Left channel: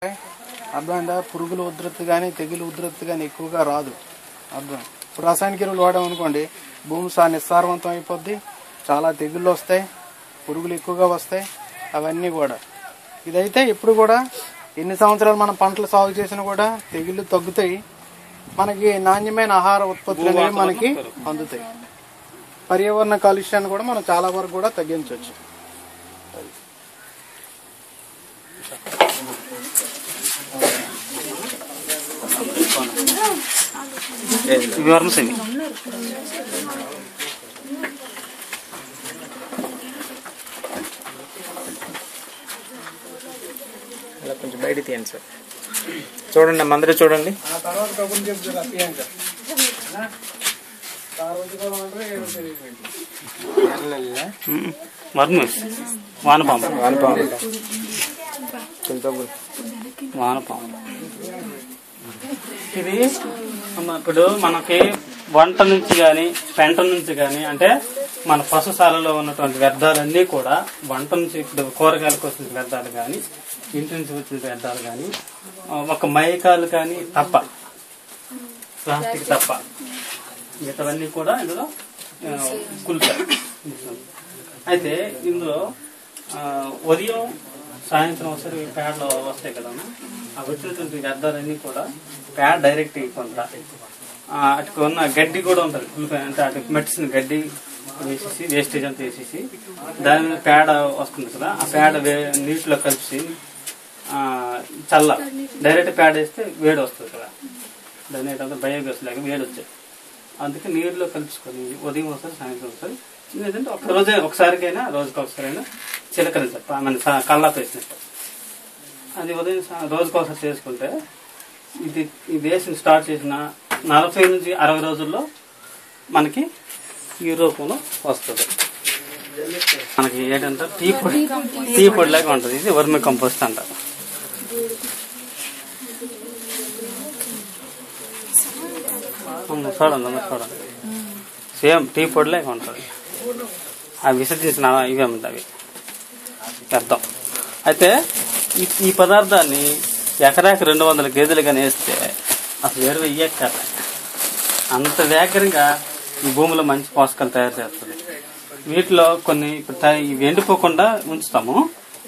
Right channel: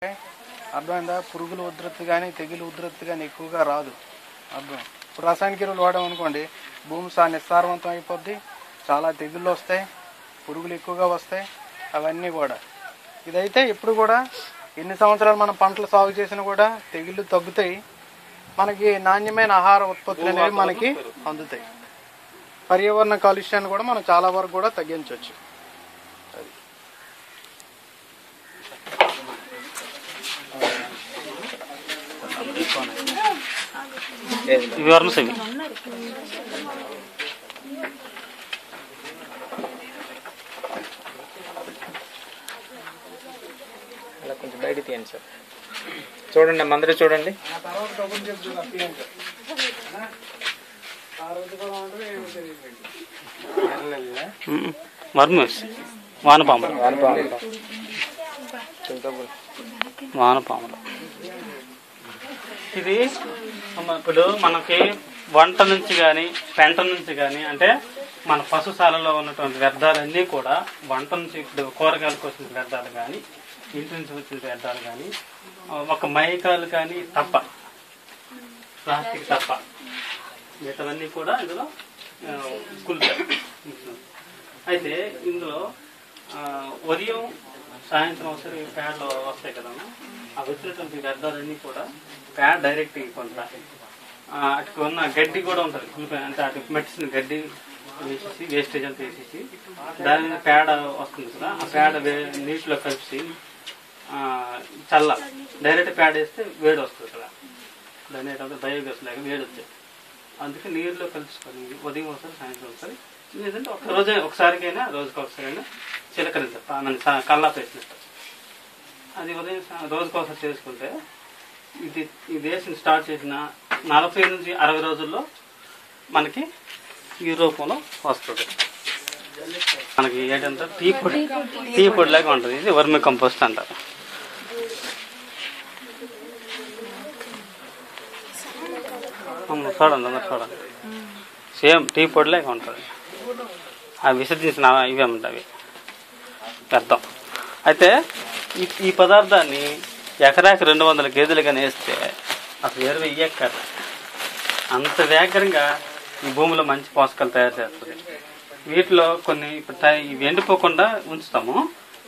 అర్థమైందా? పురుగుల ఉధృతి కానీ తెగులు ఉధృతి కానీ ఎక్కువగా రాదు. అర్థం. ఇప్పుడు రసాయనిక ఎరువులు వాడాం అనుకోండి, భూమి నిస్సారవంతం అయిపోద్ది, చాలా తెగుళ్ళు వస్తాయి, పురుగులు ఎక్కువగా వస్తాయి, అవన్నీ కూడా. ఇదైతే ఇప్పుడు కూడా ఎన్ని సంవత్సరాలు మనం పంటలు సాగు చేసినా కూడా తెగుళ్ళు తగ్గుతాయి, మనకి నాణ్యమైన ఆహార ఉత్పత్తులు అనేవి మనకి అందుతాయి. పర్యావరణ కాలుష్యాన్ని కూడా మనం చాలా వరకు కూడా తగ్గించవచ్చు. కొంచెం బయట తీయండి సార్. చూడండి అమ్మ, అందరూ చూడండి. వానపాములు ఇది ఇప్పుడు మనకి వంట నుంచి కానీ పెంట నుంచి కానీ, అంటే మన పశుశాలలో ఉన్నటువంటి వ్యర్థాలన్నీ కూడా వంట నుంచి, ఇప్పుడు కూరగాయలకు వచ్చిన వ్యర్థాలు కానీ, ఇంటి నుంచి వచ్చిన వ్యర్థాలు కానీ, ఒక మైకాలు కానీ తప్ప, ప్లాస్టిక్ తప్ప మిగతావన్నీ కూడా ఇందులో కుల్పారు. అయితే ఇందులో ఉదయం సాయంత్రం ఒకసారి ప్యాడ్లో వస్తాయి కదా, ఆ వచ్చినటువంటి వ్యర్థాలన్నీ కూడా ప్యాడ్ డైరెక్ట్ ఇవ్వకుండా అటు ఉన్న గడ్డి కూడా ఉంటుంది, కులిపాయి అంటే అటు మెడిసిన్ గడ్డి వేసేసి వేస్టేజ్ అంతా వేసేసి దాని మీద పేడ వస్తుంది కదా, ఆ పేడ నీటిలో కలిసి చల్ల డైరెక్ట్ పేడ వేస్తే వేడి వస్తుంది కదా, దాని ఏంటంటే బయోగ్యాస్ లాగా వేడి వచ్చాయి. అందుకే నీరులో కలుసుకొని ఉదయం ఒకసారి సాయంత్రం ఒకసారి, ఏంటంటే ఒకసారికైనా రోజుకి ఒకసారైనా చిలకరించాలి, మన కల్లాపు వేసినట్టు. అది ఉదయం రోజుకి ఒకసారి చేసుకుంటే ఇది వేసిన స్టార్ట్ చేసిన 40 నుంచి 60 రోజుల్లో మనకి ఈ రూపంలో వస్తుంది. మనకి ఏంటంటే టీ పొడి లాగా ఉంటుంది. ఇది వర్మి కంపోస్ట్ అంటారు. చూడండి చూడండి, సేమ్ టీ పొడి లాగా ఉంటుంది. అవి విసర్జించిన ఇవే ఉంటాయి వ్యర్థం. అయితే ఈ పదార్థాన్ని ఎకరాకి 200 గేదెలు కానీ వేస్తే అసలు 20 ఎకరాలు అంత వేగంగా ఈ భూమిలో మంచి పోషకాలు తయారు చేస్తుంది. వీటిలో కొన్ని ఇవి ఎండిపోకుండా ఉంచుతాము.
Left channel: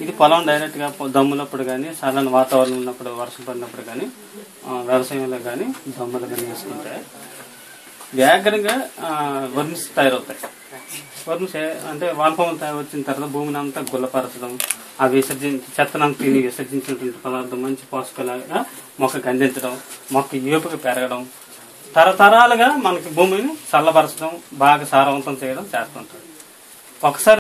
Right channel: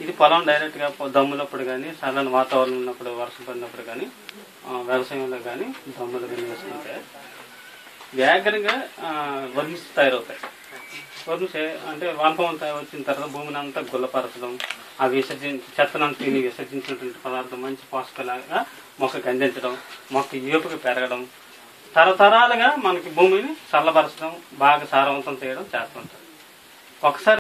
ఇది పొలం డైరెక్ట్గా దమ్ములప్పుడు కానీ, సరైన వాతావరణం ఉన్నప్పుడు, వర్షం పడినప్పుడు కానీ, వ్యవసాయంలో కానీ దమ్ములు కానీ వేసుకుంటే వేగంగా వర్మ్స్ తయారవుతాయి. వర్మ్స్ అంటే వానపాములు వచ్చిన తర్వాత భూమిని అంతా గుల్లపరచడం, ఆ చెత్తనం తిని విసర్జించినటువంటి పదార్థం మంచి పోషకాలుగా మొక్కకి అందించడం, మొక్క ఏపుగా పెరగడం, తరతరాలుగా మనకి భూమిని చల్లబరచడం, బాగా సారవంతం చేయడం చేస్తుంటుంది. ఒకసారి